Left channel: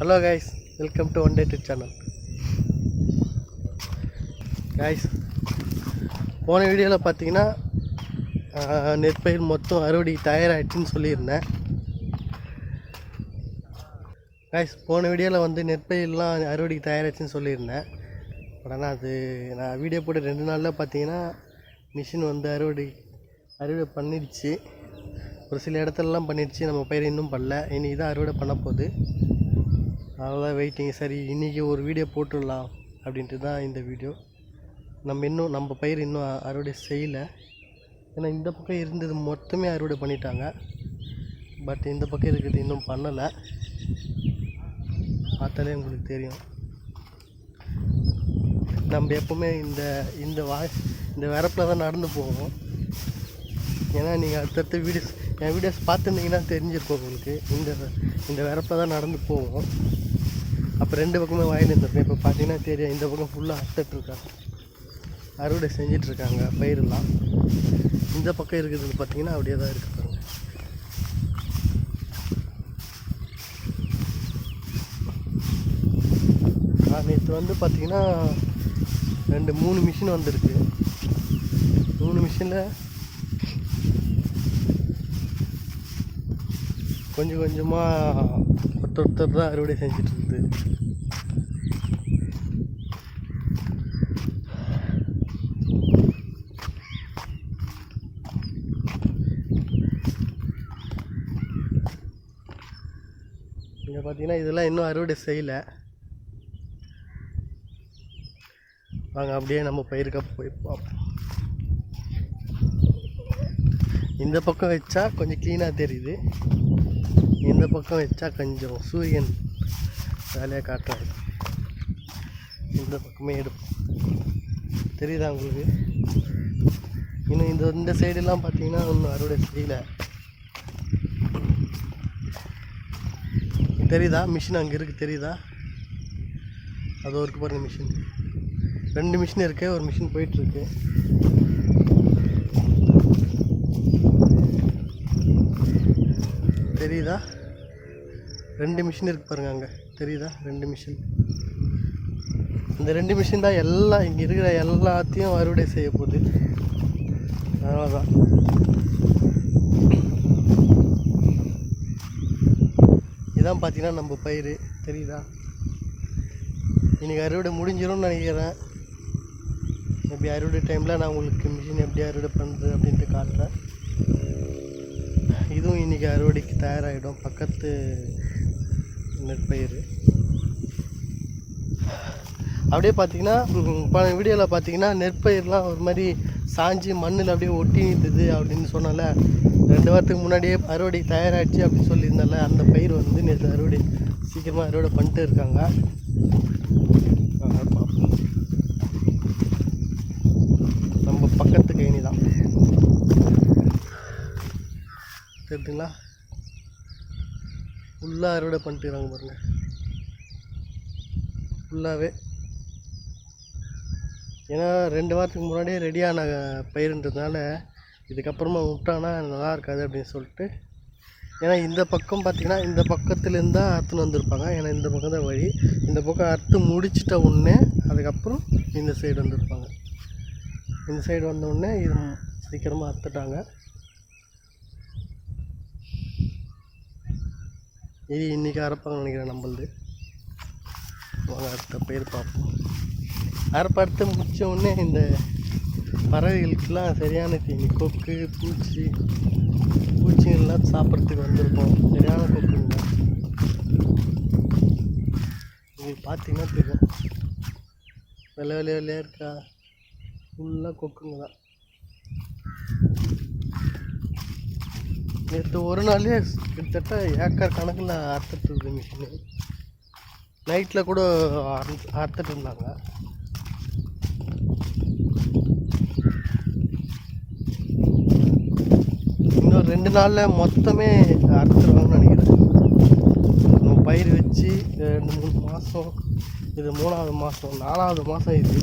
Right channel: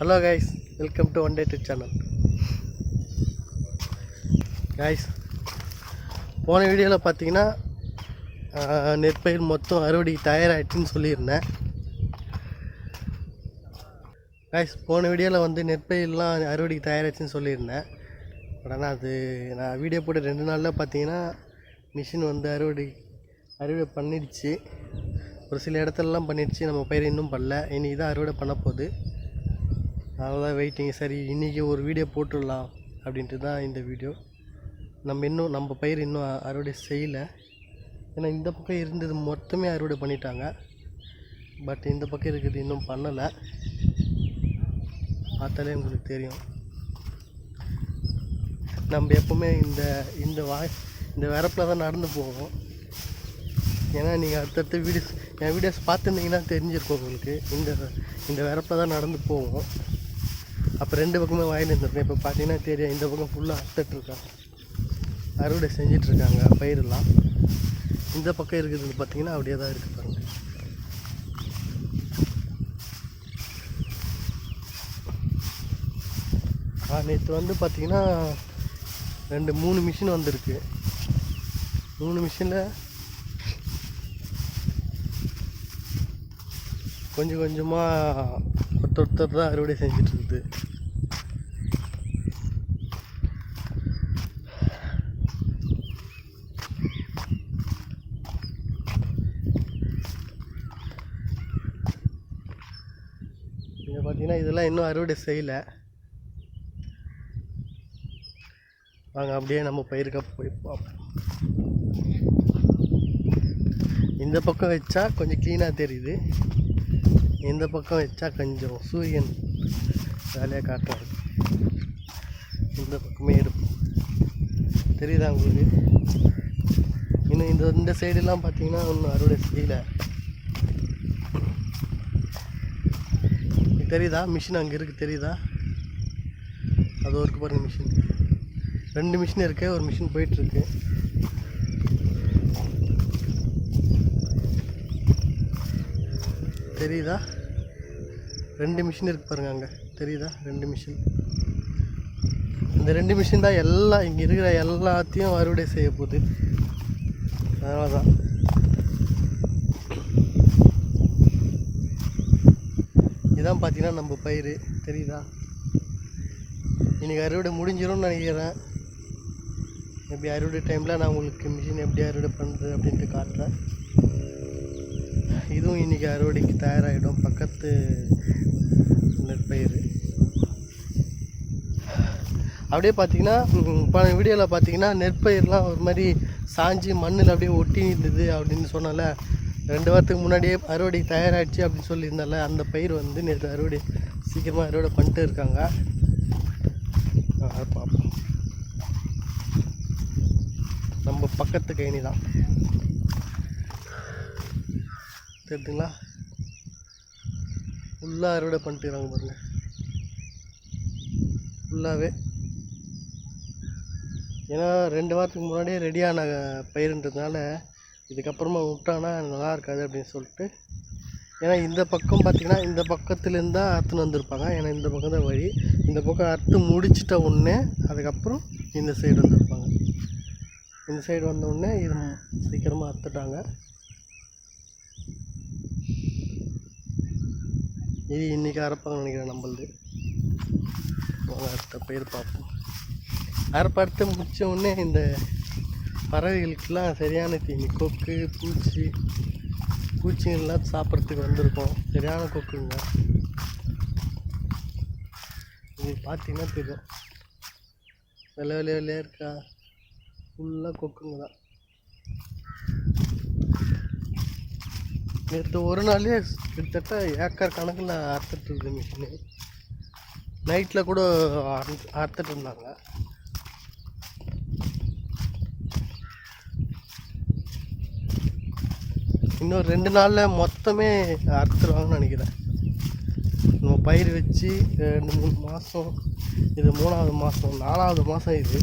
Hello guys welcome to one day trip channel guys போன வீடியோவில் பார்த்தீங்கன்னா நெற்பயிர் மொத்தம் அறுவடை தயாராகிடுச்சின்னு சொல்லியிருந்தேன். கைஸ் போன வீடியோவில் வந்து நெற்பயிர்லாம் அறுவடைக்கு தயாராகிடுச்சின்னு சொல்லியிருந்தேன். பட் ஆனால் அது நான் வீடியோ போட்டு ரெண்டு நாளில் பார்த்தீங்கன்னா மிஷின் வந்து அறுவடை அறுவடை பண்ணிடுச்சு. ஒரு சில இடத்துலலாம் பண்ணிடுச்சு. நம்ம பயிர் இன்னும் பண்ணல. இன்றைக்கி தான் அறுவடை பண்ண போகுது. அதெல்லாம் வெயிட்டிங் சரி இன்றைக்கி ஒரு வீடியோ போட்டுடலாம் அப்படின்ட்டு தான் இந்த வீடியோ நம்ம இன்னும் நம்ம பயிர் இன்னும் அறுவடை செய்யலை. ஏன்னா இந்த பக்கம் இருந்தது மொத்தமே அறுவடை பண்ணிட்டாங்க. பட் இந்த பக்கம் இருக்கிறது இன்னும் பண்ணலை. பார்த்தாலே உங்களுக்கு தெரியும். நம்ம எப்போவுமே இந்த இந்த வா இந்த வரப்பில் தான் நடந்து போவோம். ஏன்னா நீங்கள் அடுத்தடுத்த வீடியோஸ் என் வீடியோஸ் பார்த்துருந்தீங்கன்னா தெரிஞ்சிருக்கும் உங்களுக்கு. இந்த இந்த வரப்பில் தான் நடந்து போவோம். அப்போ ரெண்டு பக்கமே வாங்கி இருந்திருக்கும். இப்போ பார்த்தீங்கன்னா தெரியும் இந்த பக்கம் ஃபுல்லாக அறுத்துட்ருக்காங்க அறுவடை செஞ்சிட்ருக்காங்க பயிரெல்லாம். இந்த பக்கம் இருக்கிறது பார்த்தீங்கன்னா அப்படியே தான் இருக்கு பாருங்க. நேற்று வந்து பார்த்திங்கன்னா ரெண்டு மூணு மிஷின் வந்திருக்கு. மூணு மிஷினில் கொஞ்சம் கொஞ்சமாக ஒருத்தர் தான் அறுவடை செஞ்சுட்டு இருக்குது இங்கே பார்த்தீங்கன்னா இதெல்லாம் இன்னும் அறுவடை செய்யலை. வாங்க அப்படியே நம்ம பயிருக்க போய் பார்ப்போம். இந்த பக்கம் வச்சா கொஞ்சம் க்ளீனாக தெரியுது. இந்த பக்கம் வச்சா கொஞ்சம் சூரியன் வேலையாக காட்டுறாரு. இந்த பக்கமே எடுப்போம். தெரியுதா உங்களுக்கு? இன்னும் இந்த இந்த சைடெல்லாம் பார்த்தீங்கன்னா இன்னும் அறுவடை செய்யலை. தெரியுதா? மிஷின் அங்கே இருக்குது தெரியுதா? அது ஒரு பாருங்கள் மிஷின் ரெண்டு மிஷின் இருக்குது ஒரு மிஷின் போயிட்டுருக்கு தெரியுதா? ரெண்டு மிஷின் இருக்கு பாருங்க அங்கே. தெரியுதா? ரெண்டு மிஷின் இந்த ரெண்டு மிஷின் தான் எல்லாம் இங்கே இருக்கிற எல்லாத்தையும் அறுவடை செய்ய போகுது. அதனால தான் இதான் பார்த்தீங்கன்னா நம்ம பயிர் தெரியுதா? இன்றைக்கி அறுவடை முடிஞ்சிடும்னு நினைக்கிறேன். எப்படி அறுவடை டைமில் நான் உங்களுக்கு மிஷின் எப்படி அறுவடை பண்ணுறது அப்படின்ட்டு காட்டுறேன். இதுவும் இன்றைக்கி அறுவடைக்கு தயாராகிடும் பக்கத்து நெற்பயிர். அப்படியே பார்த்தீங்கன்னா பல வீடியோவில் பார்த்தீங்கன்னா நெற்பயிர்லாம் ஒரு மாதிரி சாஞ்சி மண்ணில் அப்படியே ஒட்டி இருந்தது அப்படின்னு சொன்னால ரெண்டு வாரத்துக்கு முன்னாடியே அறுவடை தயாராகிடுச்சு அப்படின்னு சொல்லியிருந்தால அந்த பயிர் வந்து நேற்று அறுவடை சீக்கிரமாக அறுவடை பண்ணிட்டு இருக்காங்க. பார்ப்போம். நம்ம பக்கத்து கைனி தான். தெரியுதுங்களா? ஃபுல்லாக அறுவடை பண்ணிட்டுறாங்க பாருங்க. ஃபுல்லாகவே ஏன்னா ரெண்டு வாரத்துக்கு முன்னாடியே ரெடியான பயிருன்றதுனால இதுக்கப்புறமா விட்டானா நல்லா இருக்காது அப்படின்னு சொல்லிட்டு. ஏன்னா இந்த பக்கம் பார்த்திங்கன்னா இந்த பக்கத்துலேருந்து தான் அறுத்துன்னு வந்திருப்பாங்க. ஏன்னா இந்த பக்கம் தான் வழி. இந்த பக்கம் அறுத்து முடிச்சிட்ட உடனே அதுக்கப்புறம் இந்த சைடு வந்திருப்பாங்க. இந்த சைடு வந்த உடனே இது சீக்கிரமாக அறுத்துட்டாங்க. இது இன்றைக்கி அரைப்பாங்கன்னு நினைக்கிறேன் நம்மளது. வாங்க அடுத்த பயிர் பார்ப்போம். அரைப்பறுத்து முடிச்ச உடனே இந்த பறவைகளுக்கெல்லாம் சரியான தீனி கொக்கு பூச்சி பூச்சிகள்லாம் சாப்பிட்றதுக்கு வந்திருக்கோம். சரியான கொக்குங்க. உங்களுக்கு பார்த்தீங்கன்னா தெரியும். வெள்ளை வெள்ளை வெள்ளையாக இருக்கா? ஃபுல்லாக கொக்குங்க தான். நேற்று ஒரு நாள்லேயே கிட்டத்தட்ட ஏக்கர் கணக்கில் அறுத்துட்டு இருக்கு மிஷினு நைட்டில் கூட அறுத்துட்டு இருந்தாங்க. இன்னும் ரெண்டு நாளில் மொத்தமே அறுத்துருவாங்கன்னு நினைக்கிறேன். நம்ம பயிர் வச்சு ரெண்டு மூணு மாதம் இது மூணாவது மாதம் நாலாவது மாதம் இது.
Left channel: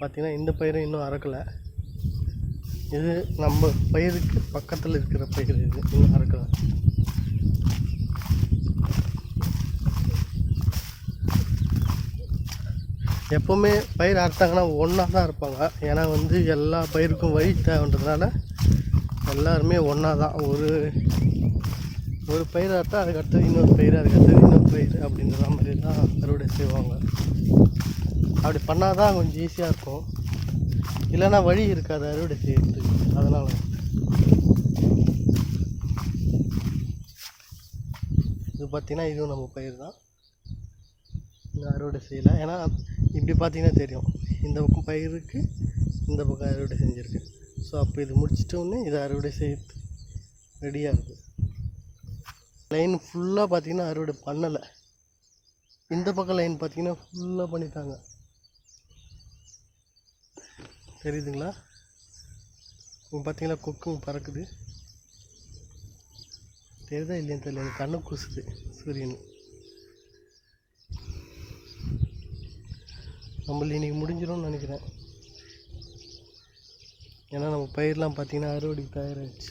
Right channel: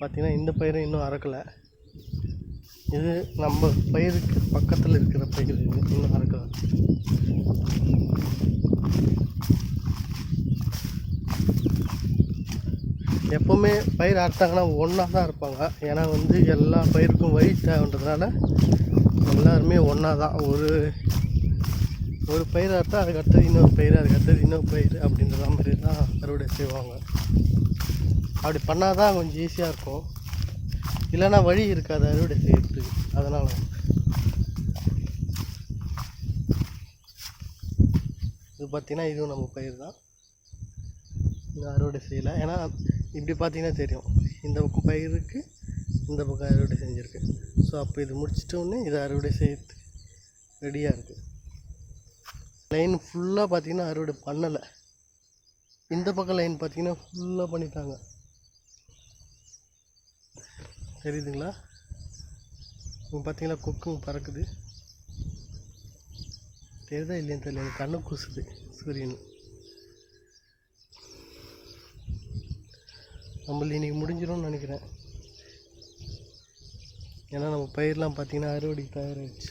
பார்த்திங்கன்னா இந்த பயிரும் இன்னும் அறுக்கலை. இது நம்ம பயிருக்கு பக்கத்தில் இருக்கிற பயிர் இது இன்னும் அறக்கலை. எப்போவுமே பயிர் அறுத்தாங்கன்னா ஒன்றா தான் இருப்பாங்க ஏன்னா வந்து எல்லா பயிருக்கும் வழி தேவைன்றதுனால எல்லாருமே ஒன்றா தான். ஒரு ஒரு பயிர் அறுத்தா அதுக்கடுத்தது இன்னொரு பயிர் அதுக்கடுத்தது இன்னொரு பயிர் அப்படின்ற மாதிரி தான் அறுவடை செய்வாங்க. அப்படி பண்ணால் தான் கொஞ்சம் ஈஸியாக இருக்கும். இல்லைன்னா வழி இருக்காது அறுவடை செய்யறதுக்கு. அதனால். இது பார்த்திங்கன்னா இதுவும் நம்ம பயிர் தான். இன்னும் அறுவடை செய்யலை. ஏன்னா இப்படி பார்த்தீங்கன்னா தெரியும். இந்த பக்கம் பயிருக்கு இந்த பக்கம் அறுவடை செஞ்சுருக்கு. ஸோ அப்போ இது முடிச்சிட்டோன்னே இதை அறுவடை செய்யறதுக்கு ரெடியாக இருக்குது லைன் ஃபுல்லாக பார்த்திங்கன்னா அறுவடை பண்ணலை. இந்த பக்கம் லைன் பார்த்திங்கன்னா ஃபுல்லாக பண்ணிட்டாங்க. தெரியுதுங்களா? இப்போ பார்த்தீங்களா கொக்கும் பறக்குது. தெரியுதா இல்லையான்னு தெரியல. எனக்கு கண்ணு கூசுது சூரியன். நம்மள இன்றைக்கி முடிஞ்சிடும்னு நினைக்கிறேன். ஏன்னா நம்ம பயிரெலாம் பார்த்தீங்கன்னா அறுவடைக்கு தயாராகிடுச்சு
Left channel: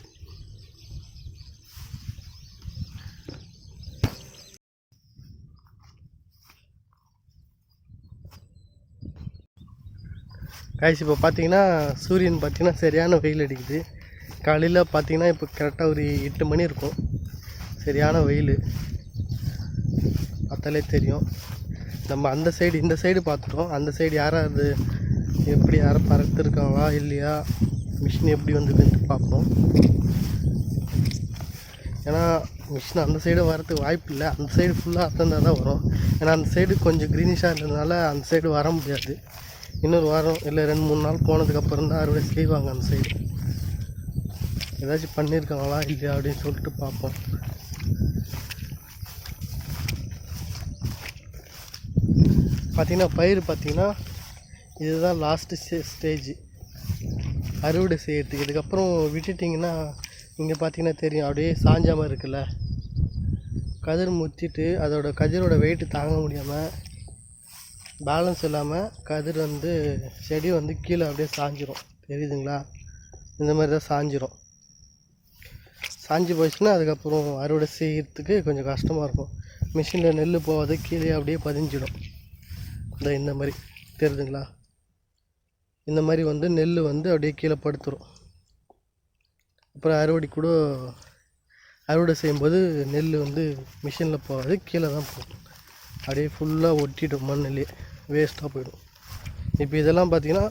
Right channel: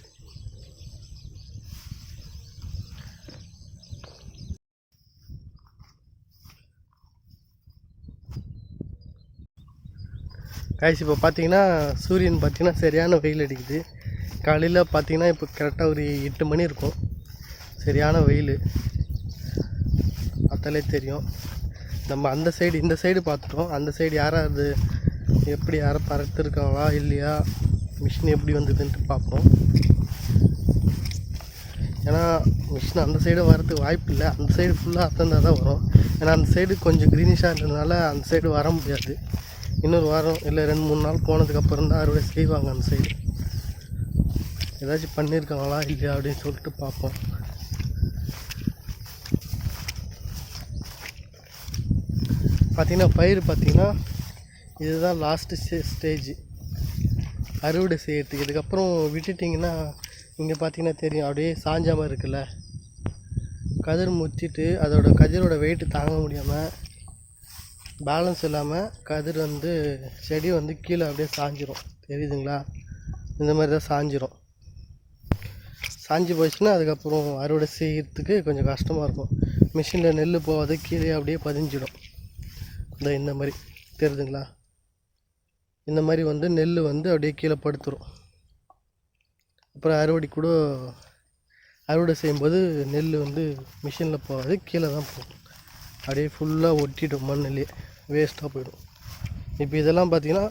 காய்ச்சி இப்போ பார்த்தீங்கன்னா சூரியன் பார்த்திங்கன்னா சரியான வெயில் அடிக்குது. காலையில் பார்த்தீங்கன்னா இப்போ கரெக்டாக ஒரு எட்டு மணி இருக்கும். சரியான வெயில். பார்த்தாலே தெரியும். நம்ம அந்த சைடு இந்த சைடு பார்த்துட்டோம். அந்த சைடு யாராவது எப்படி யாரை பறத்துருக்காங்களா இல்லையா? மிஷின் எப்படி வந்ததுன்ட்டு பார்ப்போம். ஏன்னா மிஷின் அந்த சைடு வரதுக்கு வாய்ப்பு இல்லை. அந்த சைடு ஃபுல்லாக அத்தந்தால் தான் வரும். ஏன்னா அந்த சைடு கொஞ்சம் க்ரீனிஷாக இருந்ததுனால அந்த சைடு வர முடியாது. இன்னொரு வாரம் இல்லை ரெண்டு மூணு நாள் போனதுக்கப்புறம் தான் அறுவடை செய்வாங்க அந்த சைடு ஏதாச்சும் பண்ணியிருக்காங்களா இல்லையா அப்படின்னு சொல்லிட்டு பார்ப்போம். பார்த்தீங்கன்னா பயிர் பார்த்திங்கன்னா இதுதான் லாஸ்ட்டு ஸ்டே ஸ்டேஜ் அறுவடை செய்கிறதுக்கு இதுக்கப்புறம் விட்டுட்டிங்கன்னா இங்கே பார்த்தீங்கன்னா தெரியும். அப்படியே சாஞ்சாமல் இருக்குல்ல. கதிர் முத்திட்டு அதோட கதிரோட வெயிட்டு தாங்க முடியாமல் பேலன்ஸ் இல்லாமல் கதிர் வந்து செடி வந்து கீழே அப்படியே சாஞ்சிரும். தெரியுதுங்களா? இந்த மாதிரி தான் சாஞ்சிரும். சாஞ்சு போச்சுன்னா அதுக்கப்புறம் அறுவடை செய்கிறதுக்கு கொஞ்சம் கஷ்டமாக இருக்கும். மிஷினில் நெல் போகாது கீழே அப்படியே பதிஞ்சிடும். இந்த இந்த மாதிரி. தெரியுதுங்களா? இந்த மாதிரி வந்து நெல் வந்து அப்படியே கீழே படுத்துரும். அப்புறம் அறுவடை கூட அறுவடை செய்யும்போது நெல் வந்து மிஷினில் போகாது கீழே தான் போகும். அப்படியே ஃபுல்லாக ஒட்டிடும் மண்ணிலே வேஸ்ட்டாக போயிடும். இப்போ இதெல்லாம் பார்த்தீங்கன்னா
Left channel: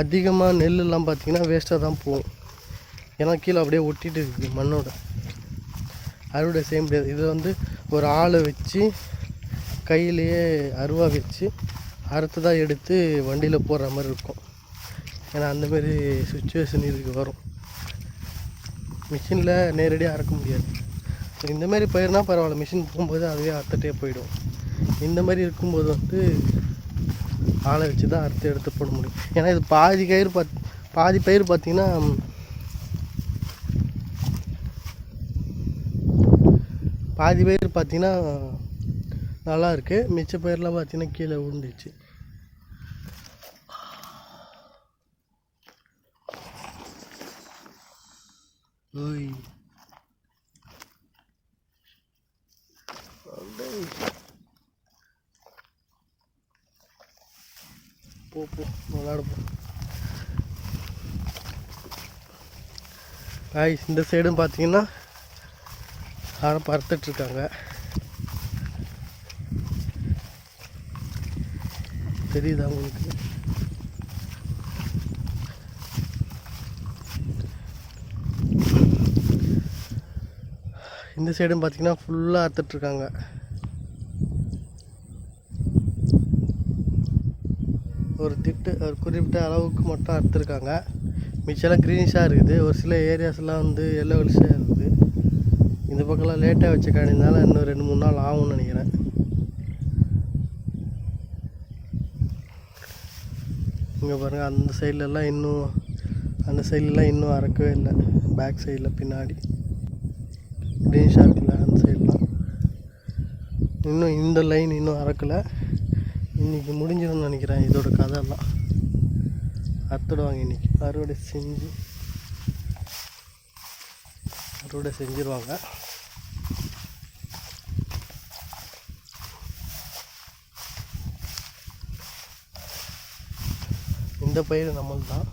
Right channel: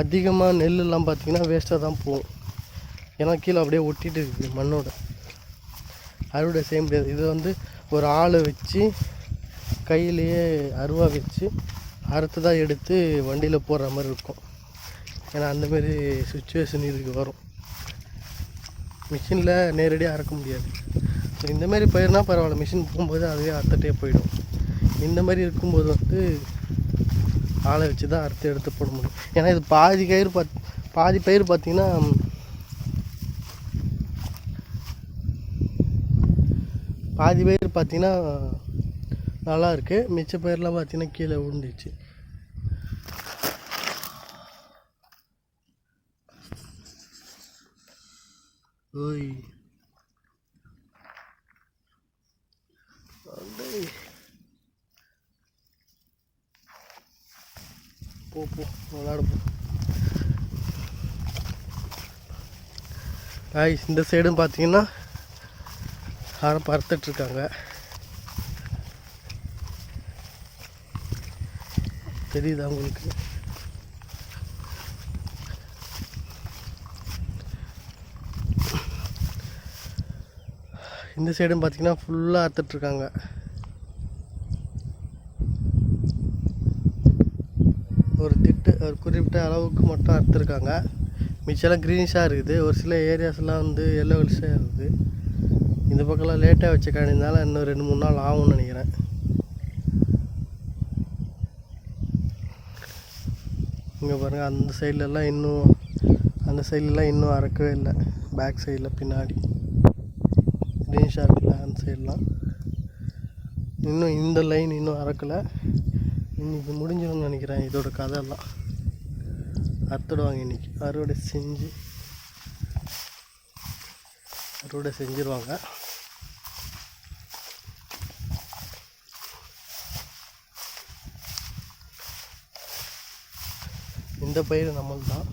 அதிகமாக நெல்லெல்லாம் பார்த்தீங்கன்னா வேஸ்ட்டாக தான் போகும். ஏன்னா கீழே அப்படியே ஒட்டிகிட்டு இருக்குது மண்ணோட. அறுவடை செய்ய முடியாது இதை வந்து ஒரு ஆளை வச்சு கையிலேயே அருவா வச்சு அறுத்து தான் எடுத்து வண்டியில் போடுற மாதிரி இருக்கும். ஏன்னா அந்தமாரி சுச்சுவேஷன் இதுக்கு வரும். மிஷினில் நேரடியாக அறுக்க முடியாது. ஸோ இந்தமாரி பயிர்னால் பரவாயில்ல. மிஷின் போகும்போது அதுவே அறுத்துட்டே போயிடும். இந்த மாதிரி இருக்கும்போது வந்து ஆளை வச்சு தான் அறுத்து எடுத்து போட முடியும். ஏன்னா இது பாதி கயிறு பாத் பாதி பயிர் பார்த்தீங்கன்னா பாதி பயிர் பார்த்தீங்கன்னா நல்லா இருக்கு. மிச்ச பயிரெலாம் பார்த்தீங்கன்னா கீழே விழுந்துச்சு ஓய். போ போ விளாடுவோம். காய்ஸ் இந்த சைடும் பார்த்தீங்கன்னா யாரும் பறத்துட்ருக்காங்க தெரியுதா உங்களுக்கு? இந்த சைடும் பார்த்தீங்கன்னா ஃபுல்லாக அறுத்துட்ருக்காங்க. ஒரு திட்டு ஒரு குறிப்பிட்ட அளவுக்கு மட்டும் அறுத்துருக்காங்க. மிச்சம்லாம் க்ரீனிஷாக இருக்குது. ஒரு சில ஏரியாஸ்லாம் வந்து எல்லோ கலர்ஸாக இருக்குது. இந்த பக்கம்லாம் லேட்டாக வச்ச காணினால இன்னும் ரெண்டு மூணு நாள் ஆகும்னு நினைக்கிறேன். இங்கே பாருங்கள் அந்த சைட்லலாம் இன்னும் அந்த சைட்லலாம் இன்னும் அறக்கவே இல்லை. பேக் சைடில் பின்னாடி. க்ரீனிஷாக இருக்குல்ல அந்த சைட்லாம் இன்னும் இந்த லைன் இன்னும் அறக்கலை. இன்றைக்கி முடிஞ்சிடும்னு நினைக்கிறேன். இதோட கதையெல்லாம். அறுத்துடுவாங்க இன்றைக்கி அறுவடை செஞ்சு அறுவடை செஞ்சிருவாங்க. இந்த பயிர் நம்மளுக்கு தான்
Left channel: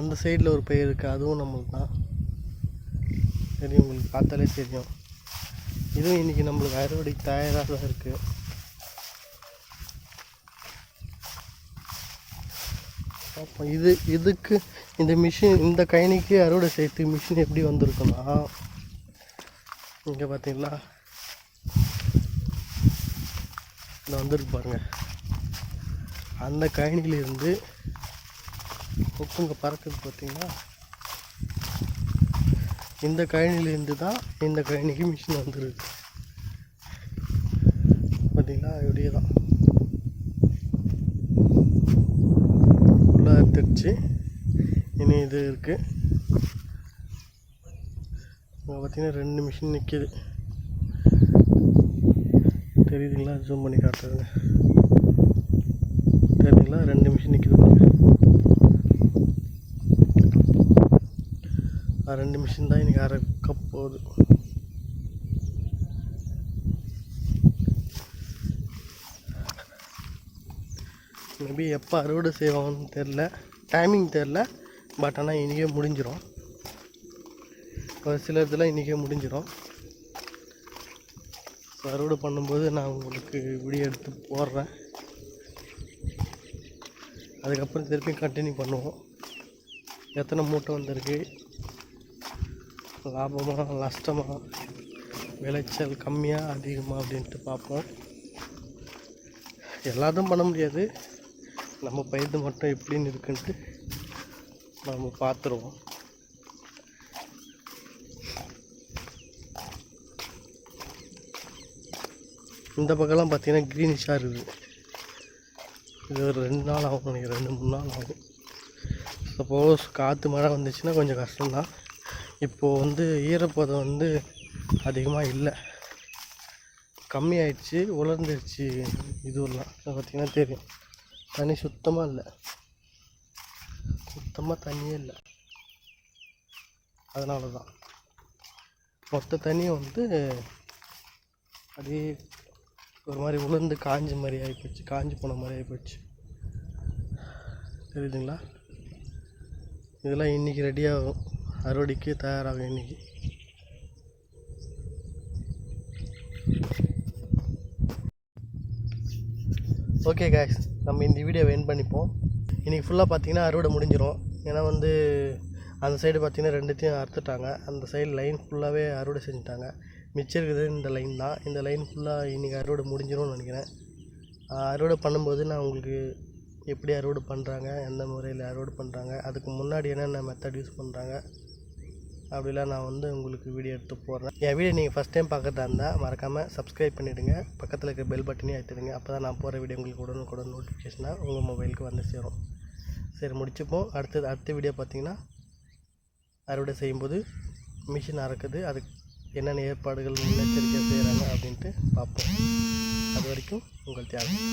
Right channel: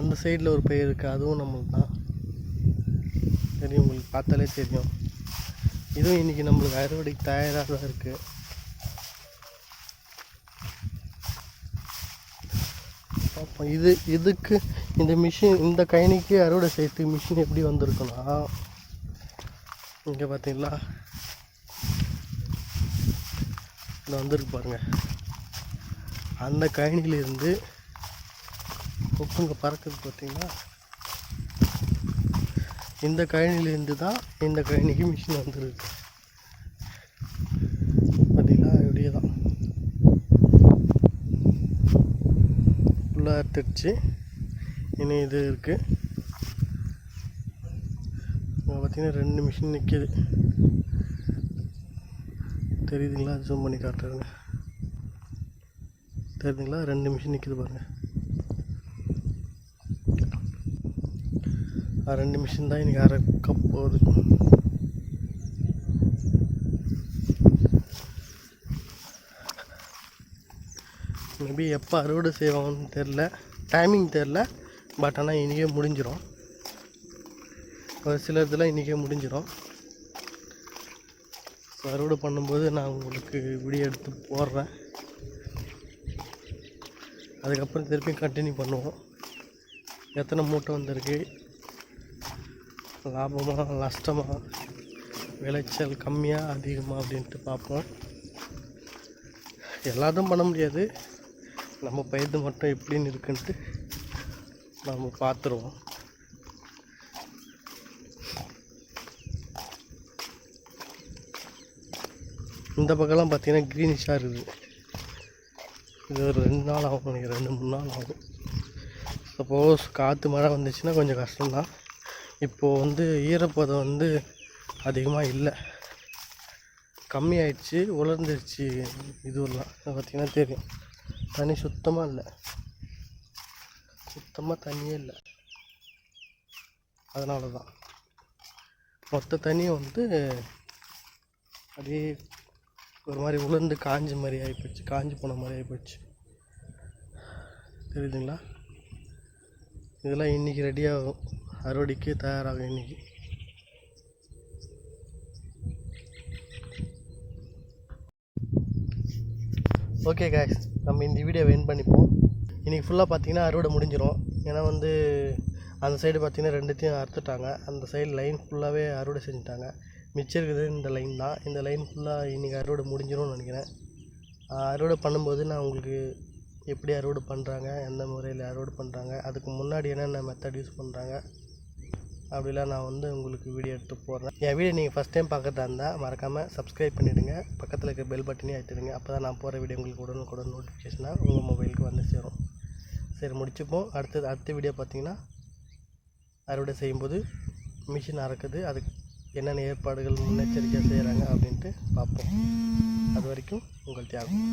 அந்த சைடில் ஒரு பயிர் இருக்குது அதுவும் நம்மளுக்கு தான் தெரியும் உங்களுக்கு பார்த்தாலே தெரியும். இதுவும் இன்றைக்கி நம்மளுக்கு அறுவடைக்கு தயாராக தான் இருக்குது பார்ப்போம் இது இதுக்கு இந்த மிஷின் இந்த கயனிக்கு அறுவடை செய்யறதுக்கு மிஷின் எப்படி வந்திருக்குன்னா இங்கே பார்த்தீங்கன்னா இந்த வந்திருக்கு பாருங்க. அந்த கயனியிலிருந்து கொக்குங்க பறக்குது பார்த்திங்கன்னா இந்த கழனிலேருந்து தான் இந்த கழனிக்கு மிஷின் வந்துருக்கு பார்த்தீங்களா இப்படியே தான் ஃபுல்லாக எடுத்துடுச்சு இனி இது இருக்குது பார்த்திங்கன்னா பார்த்தீங்கன்னா ரெண்டு மிஷின் நிற்கிது தெரியுதுங்களா? ஜூம் பண்ணி காட்டுறதுங்க தெரியுதுங்களா? ரெண்டு மிஷின் நிற்கிது பாருங்கள் ரெண்டு மிஷின் தான் இன்றைக்கி அரைக்க போகுது. மேபி எப்போ அறுவடை செய்வாங்கன்னு தெரில. டைமிங் தெரில. பட் ஆனால் இன்றைக்கே முடிஞ்சிடும் ஒரு சில இதெல்லாம் இன்றைக்கே முடிஞ்சிடும் ஸோ அறுவடை பண்ணும்போது நான் உங்களுக்கு வீடியோ எடுத்து போடுறேன். அதுக்கப்புறம் திருப்பி கண்டினியூ பண்ணுவோம். எத்தனை மூட்டை வந்திருக்கு? லாபமாக நஷ்டமாக விளைச்சல் கம்மியாக அதிகமாக அப்படின்ட்டு பார்ப்போம். எல்லாத்தையும் பண்ண முடியாது. நம்ம பயிர் மட்டும் எப்படின்னு இருக்குன்ட்டு நம்ம பார்த்துருவோம். இந்த பக்கம்லாம் பார்த்தீங்கன்னா க்ரீனிஷாக இருக்குது. இது ஒரு ரெண்டு நாள் ஆகும் எனக்கு ரெண்டு மூணு நாள் ஆகும். சப்போஸ் காற்று மழை வந்துச்சுன்னா கொஞ்சம் கஷ்டம்தான். இப்போது வந்து ஈரப்பதம் வந்து அதிகமாக இல்லை. கம்மியாயிடுச்சு உலர்ந்துருச்சு. இதுவெல்லாம் பார்த்தீங்கன்னா தெரியும். தண்ணி சுத்தமாக இல்லை. சுத்தமாக தண்ணியே இல்லை. அதனால தான் மொத்த தண்ணியும் வந்து அப்படியே ஒரு மாதிரி உளுந்து காஞ்ச மாதிரி ஆகிப்போச்சு காஞ்சி போன மாதிரி ஆகிப்போச்சு தெரியுதுங்களா? இதெல்லாம் இன்றைக்கி ரெடியாகும் அறுவடைக்கு தயாராகும் இன்றைக்கி ஓகே காய்ஸ் நம்ம இந்த வீடியோவை என் பண்ணிப்போம். இன்றைக்கி ஃபுல்லாக பார்த்தீங்கன்னா அறுவடை முடிஞ்சிடும் ஏன்னா வந்து அந்த சைடு பார்த்தீங்கன்னா ரெண்டுத்தையும் அறுத்துட்டாங்க. அந்த சைடு லைன் ஃபுல்லாகவே அறுவடை செஞ்சுட்டாங்க. மிச்சம் இருக்குது இந்த லைன் தான். இந்த லைன் ஃபுல்லாக இன்றைக்கி அறுவடை முடிஞ்சிடும்னு நினைக்கிறேன். அறுவடை பண்ணும்போது நான் உங்களுக்கு எப்படி அறுவடை பண்ணுறாங்க எந்த முறையில் அறுவடை பண்ணுறாங்க அதுக்கு முன்னாடி என்னென்ன மெத்தட் யூஸ் பண்ணுறாங்க அப்படிலாம் நான் வந்து உங்களுக்கு வீடியோ எடுத்து போடுறேன். என் வீடியோ நீங்கள் ஃபஸ்ட் டைம் பார்க்கறதா இருந்தால் மறக்காமல் சப்ஸ்கிரைப் பண்ணிவிடுங்க பக்கத்தில் இருக்க பெல் பட்டனே அழுத்திடுங்க. அப்போ தான் நான் போகிற வீடியோ உங்களுக்கு உடனுக்குடன் நோட்டிஃபிகேஷனாக உங்கள் மொபைலுக்கு வந்து சேரும். சரி முடிச்சுப்போம். அடுத்தது அடுத்த வீடியோ பார்த்தீங்கன்னா அறுவடை செய்யும்போது மிஷின் அறக்குது. அதுக்கு என்னென்ன ஏற்பாடுகள் முன்னெச்சரிக்கையாக செய்கிறாங்க அப்படின்ட்டு பார்ப்போம். அது வரைக்கும் உங்கள் தியாகம்.